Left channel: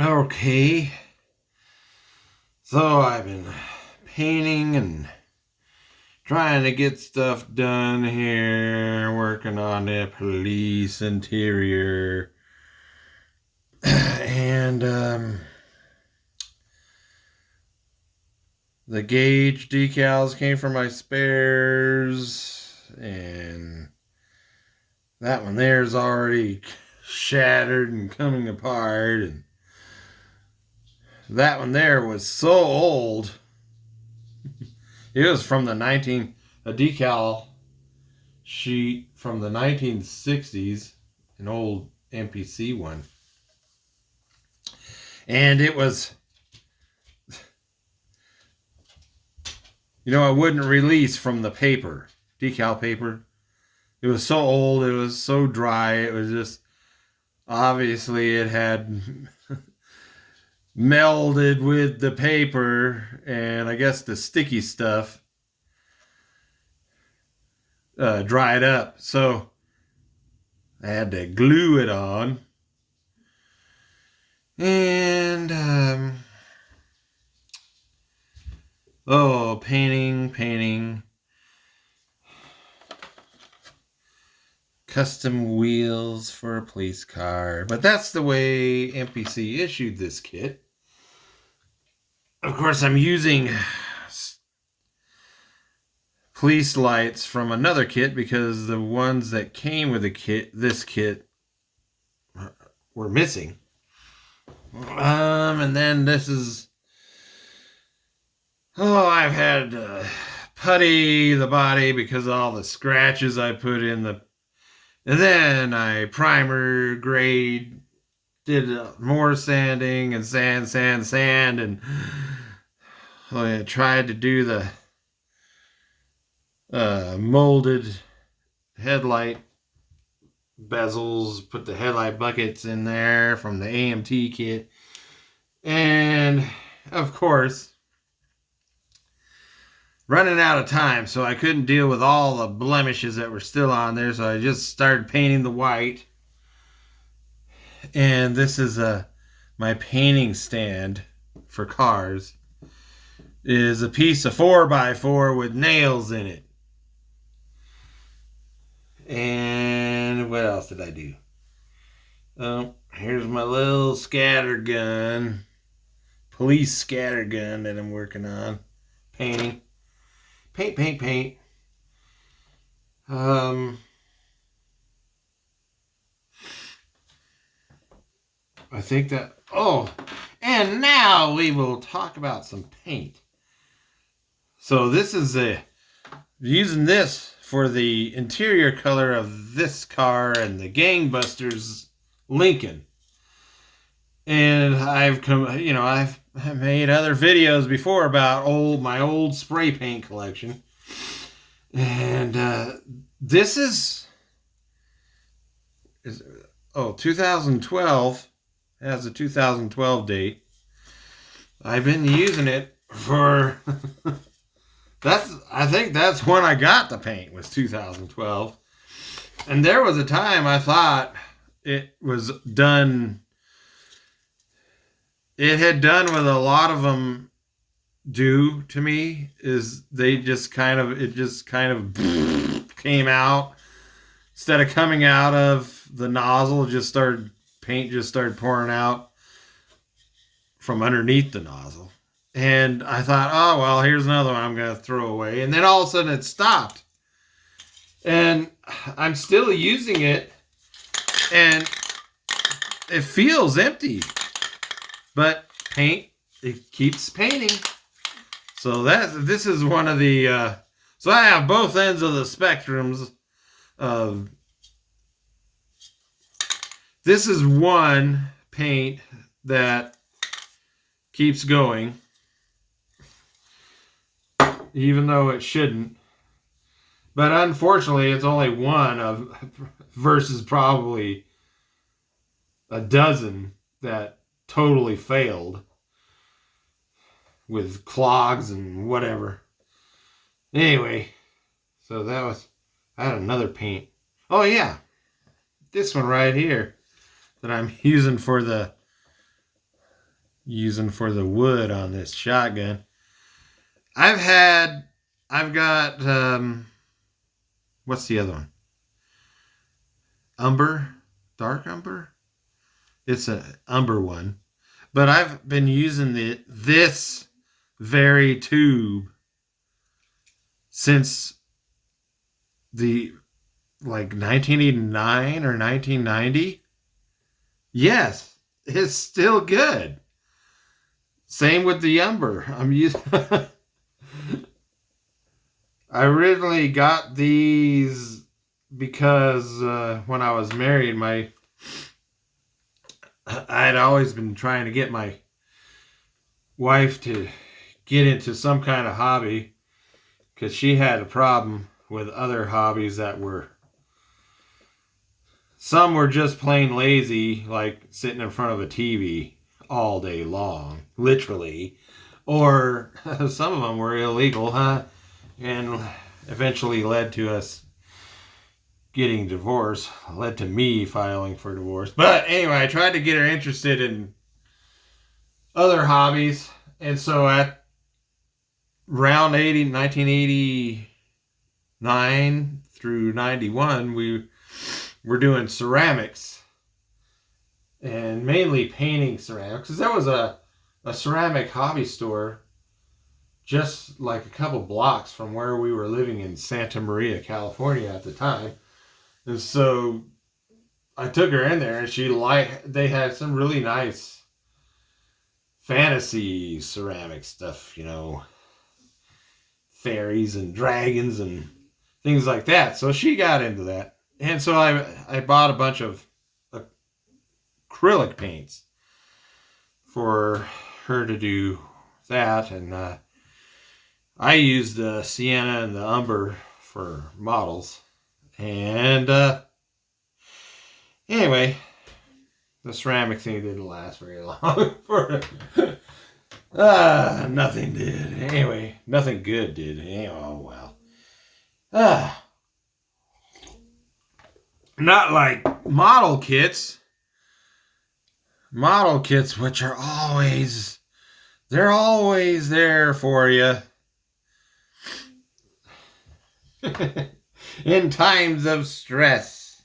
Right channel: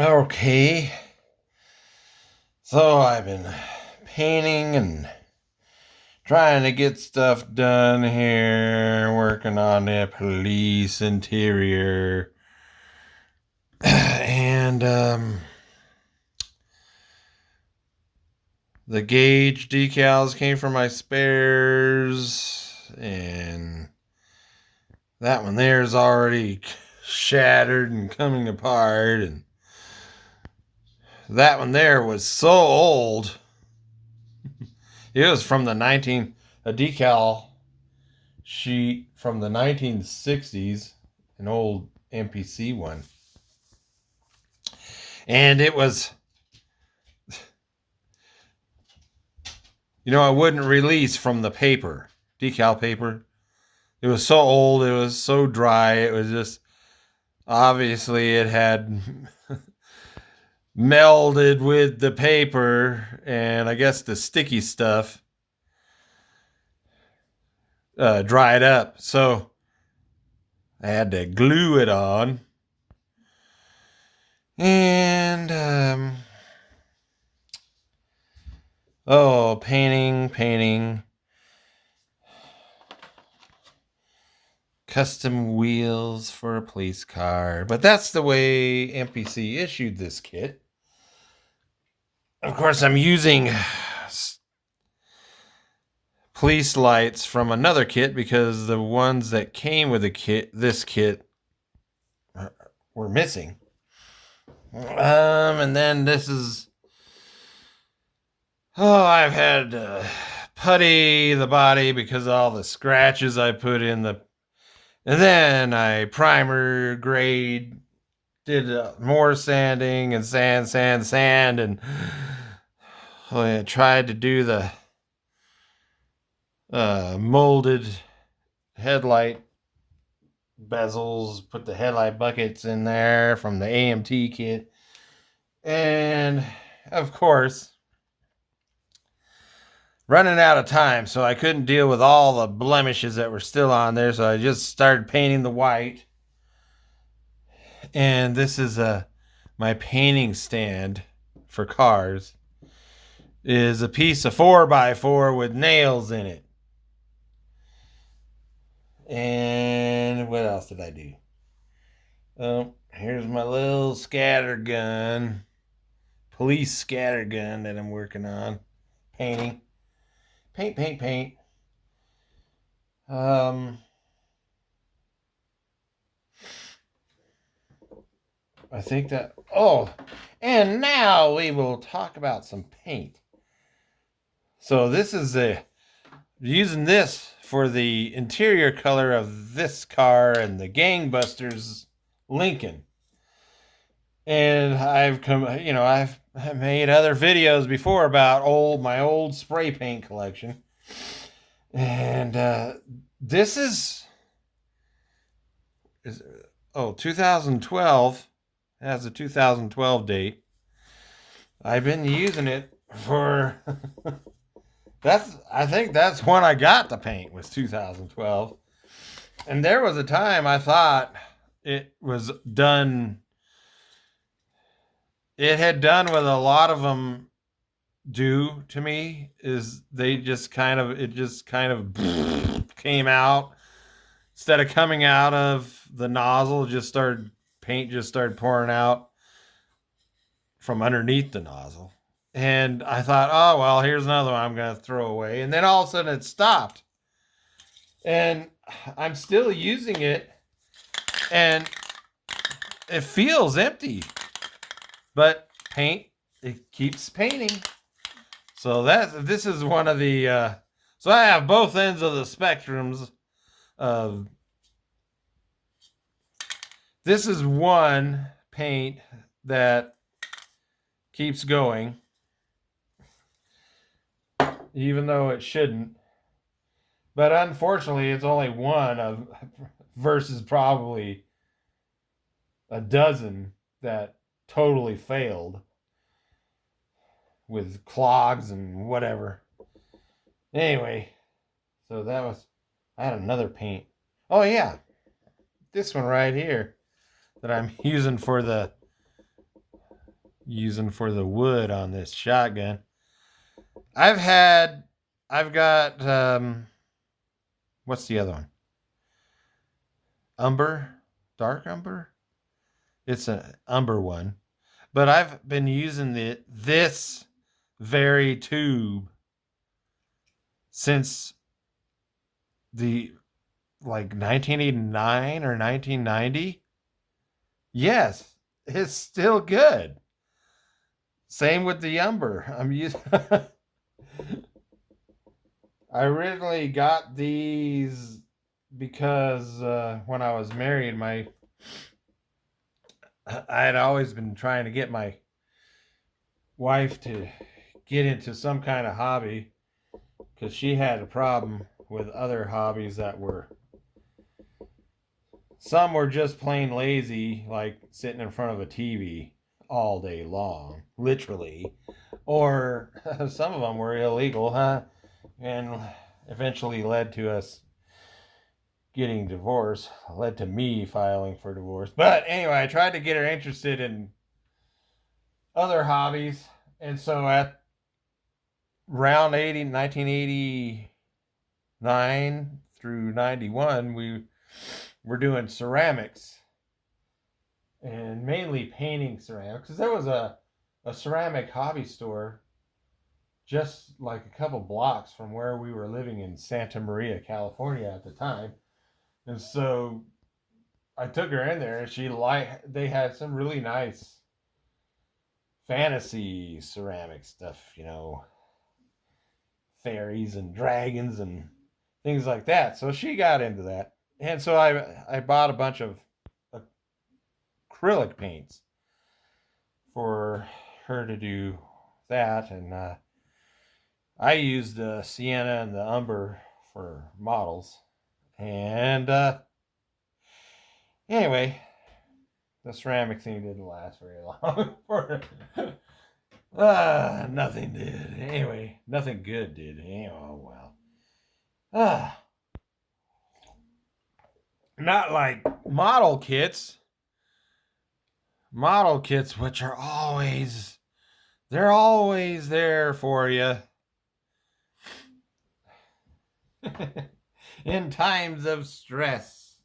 Okay, so I've been painting and trying to get stuff done here, working on the police interior. And the gauge decals came from my spares, and that one there is already shattered and coming apart, and that one there was so old. It was from a decal sheet from the 1960s, an old MPC one. And it was, I wouldn't release from the paper, decal paper. It was so old, it was so dry, it was just, obviously, it had melded with the paper, and I guess the sticky stuff dried up. So I had to glue it on. And, painting. Custom wheels for a police car. But that's the way MPC issued this kit. Of course, I'm using police lights from another kit because the ones that came with this kit, were missing. And then this is, I've had to putty the body because of all the scratches I put in and then I primer grade, did more sanding and sand, and I tried to do the molded headlight bezels, put the headlight buckets in there from the AMT kit. And of course, running out of time, so I couldn't deal with all the blemishes that were still on there, so I just started painting the white. And this is my painting stand for cars. Is a piece of 4x4 with nails in it. And what else did I do? Oh, here's my little scatter gun, police scatter gun that I'm working on. Painting. Paint. I think that, and now we will talk about some paint. So this is using this for the interior color of this car and the Gangbusters Lincoln. And I've made other videos before about my old spray paint collection. And this is 2012. It has a 2012 date. I've been using it for I think that's when I got the paint, was 2012. And there was a time I thought it was done. It had done what a lot of them do to me, is it just kind of came out. Instead of coming out of the nozzle, paint just started pouring out from underneath the nozzle. And I thought, oh, well, here's another one I'm going to throw away. And then all of a sudden it stopped. And I'm still using it. And it feels empty. But it keeps painting. So this is one of the... so I have both ends of the spectrums of... This is one paint that keeps going, even though it shouldn't. But unfortunately, it's only one versus probably a dozen that totally failed with clogs and whatever. Anyway, so I had another paint. Oh yeah, this one right here that I'm using for the using for the wood on this shotgun. I've got, what's the other one? Umber, dark umber. It's an umber one, but I've been using this very tube since the like 1989 or 1990. Yes, it's still good. Same with the umber. I'm using. I originally got these because when I was married, I'd always been trying to get my wife to get into some kind of hobby because she had a problem with other hobbies that were, some were just plain lazy, like sitting in front of a TV all day long, literally, or some of them were illegal, and eventually led to us getting divorced, led to me filing for divorce. But anyway, I tried to get her interested in other hobbies, and so at around 1989 through 91, we were doing ceramics, and mainly painting ceramics, because there was a ceramic hobby store just like a couple blocks from where we were living in Santa Maria, California at the time. And so I took her in there, and they had some really nice fantasy ceramic stuff, fairies and dragons and things like that. So she got into that. And so I bought a bunch of acrylic paints for her to do that. And I used the sienna and the umber for models. And anyway, the ceramic thing didn't last very long. Nothing did. Anyway, nothing good did. Oh, well. Not like model kits. Model kits, which are they're always there for you. In times of stress,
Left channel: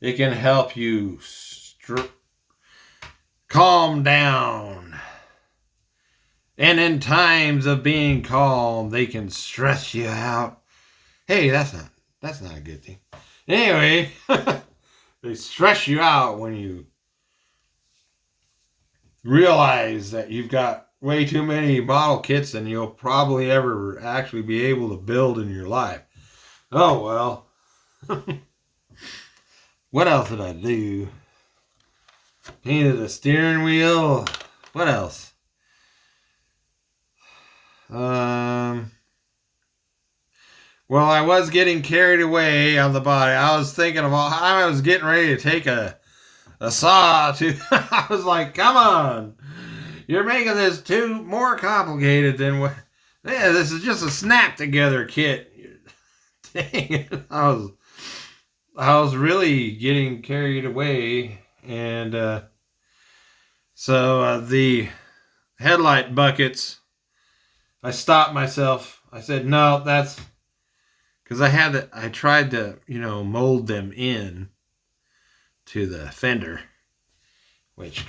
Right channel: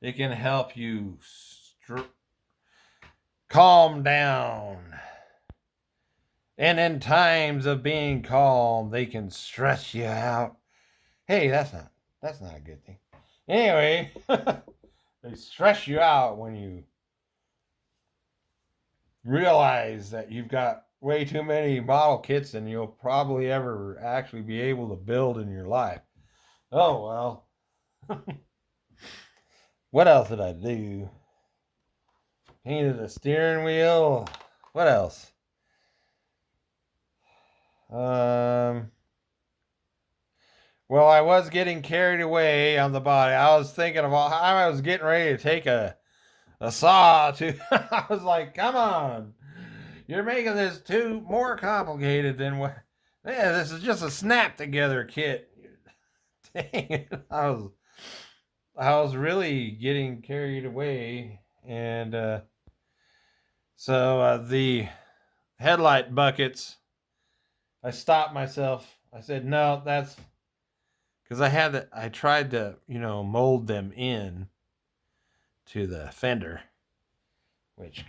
it can help you calm down. And in times of being calm, they can stress you out. Hey, that's not a good thing. Anyway, they stress you out when you realize that you've got way too many model kits than you'll probably ever actually be able to build in your life. Oh, well. What else did I do? Painted the steering wheel. What else? Well, I was getting carried away on the body. I was thinking of I was getting ready to take a saw to. I was like, come on. You're making this too more complicated than what. Yeah, this is just a snap together kit. Dang it. I was really getting carried away, and so the headlight buckets, I stopped myself. I said, no, that's because I tried to, mold them in to the fender, which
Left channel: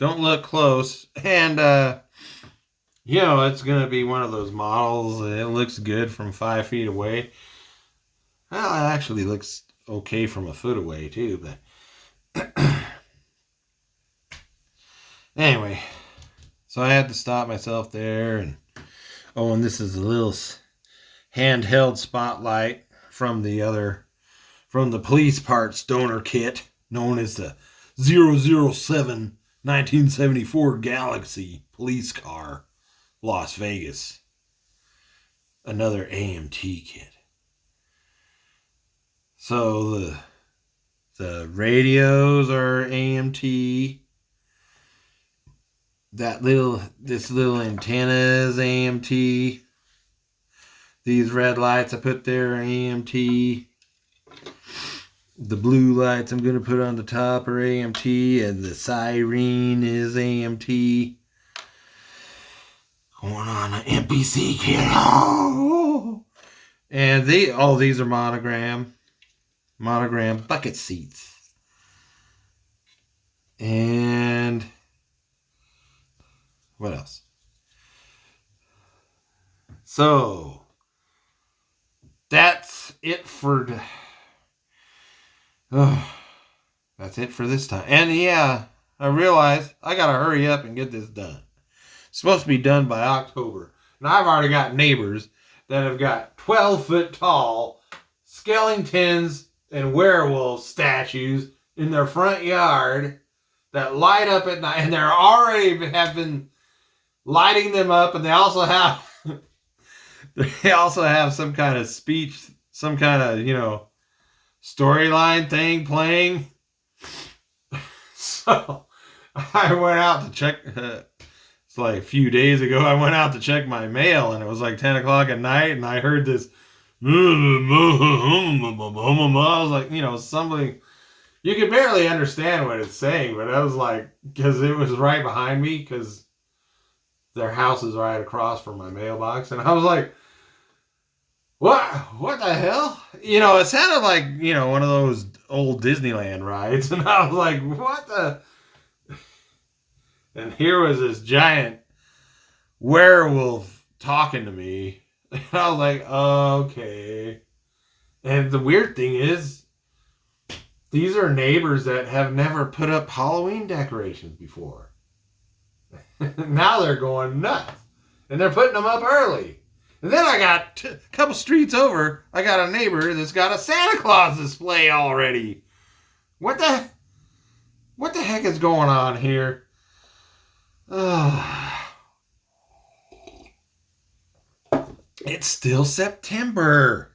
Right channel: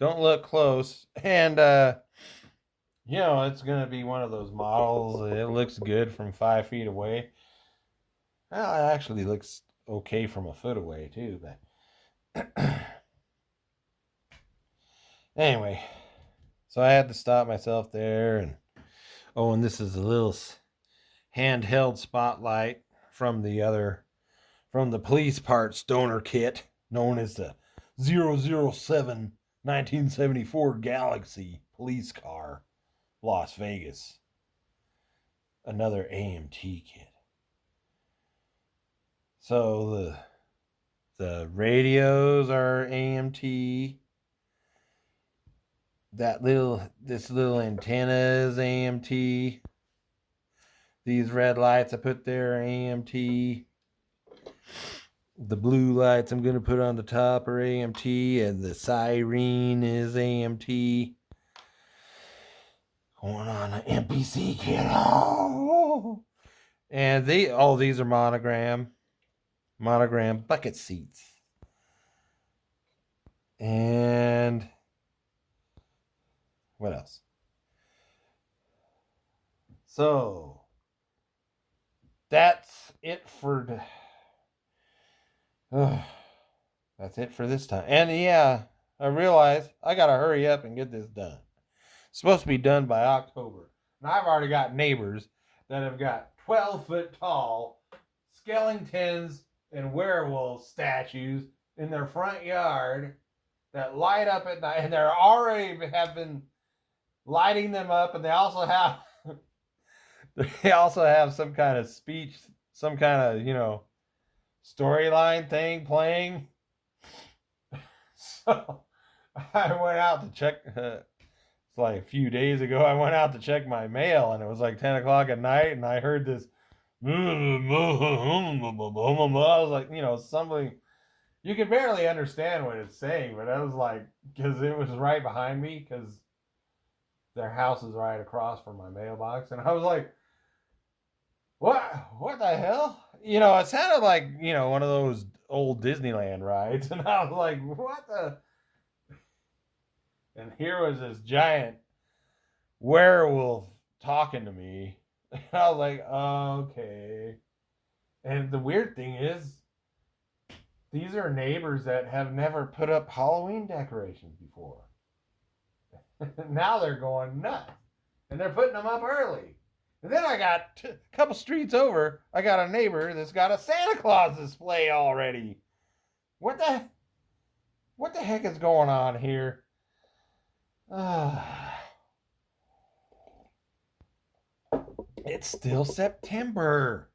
don't look close. And, it's going to be one of those models. It looks good from 5 feet away. Well, it actually looks okay from a foot away, too, but anyway, so I had to stop myself there. And this is a little handheld spotlight from the police parts donor kit known as the 007 1974 Galaxy police car, Las Vegas. Another AMT kit. So the radios are AMT. This little antenna is AMT. These red lights I put there are AMT. The blue lights I'm going to put on the top are AMT, and the siren is AMT. Going on an MPC kit. Oh! And these are monogram bucket seats. And what else? So that's it for that's it for this time. And yeah, I realize I gotta hurry up and get this done. It's supposed to be done by October. And I've already got neighbors that have got 12-foot tall skeletons and werewolf statues in their front yard that light up at night, and they're already have been lighting them up, and they also have some kind of speech, some kind of storyline thing playing. So I went out to check. It's like a few days ago. I went out to check my mail, and it was like 10 o'clock at night, and I heard this. I was like, something. You could barely understand what it's saying, but I was like, because it was right behind me, because their house is right across from my mailbox, and I was like, what the hell? It sounded like, one of those old Disneyland rides. And I was like, what the? And here was this giant werewolf talking to me. And I was like, okay. And the weird thing is, these are neighbors that have never put up Halloween decorations before. Now they're going nuts. And they're putting them up early. And then I got a couple streets over, I got a neighbor that's got a Santa Claus display already. What the heck is going on here? It's still September.